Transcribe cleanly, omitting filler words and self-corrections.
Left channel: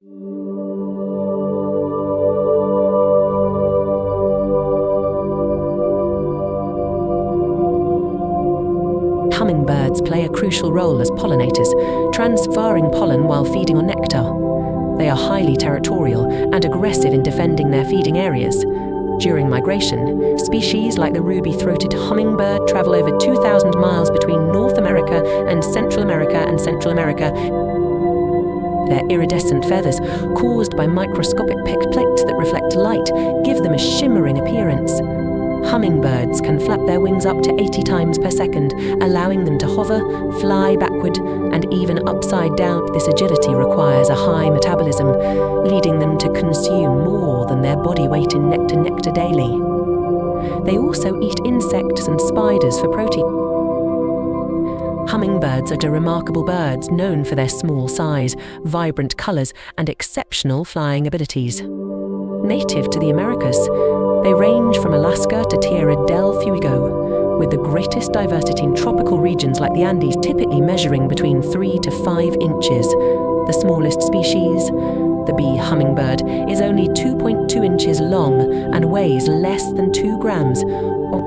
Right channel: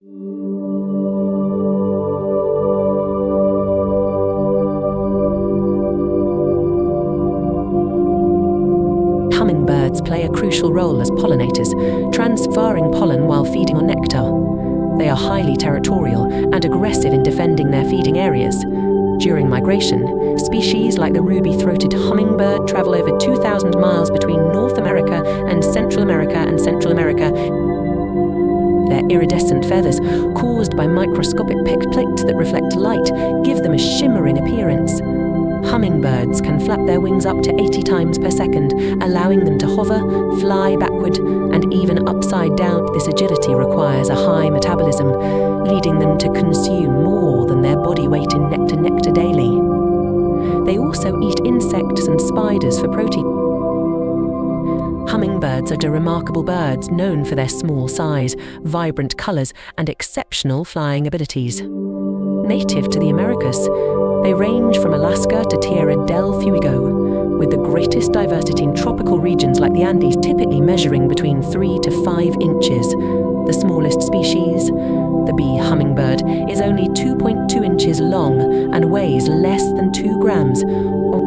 Hummingbirds play a crucial role as pollinators, transferring pollen while feeding on nectar. They are highly territorial and aggressive in defending their feeding areas. During migration, species like the ruby-throated hummingbird travel over 2,000 miles between North America and Central America. Their iridescent feathers, caused by microscopic plates that reflect light, give them a shimmering appearance. Hummingbirds can flap their wings up to 80 times per second, allowing them to hover, fly backward, and even upside down. This agility requires a high metabolism, leading them to consume more than their body weight in nectar daily. They also eat insects and spiders for protein. Hummingbirds are remarkable birds known for their small size, vibrant colors, and exceptional flying abilities. Native to the Americas, they range from Alaska to Tierra del Fuego, with the greatest diversity in tropical regions like the Andes, typically measuring between 3 to 5 inches. The smallest species, the bee hummingbird, is only 2.2 inches long and weighs less than 2 grams, or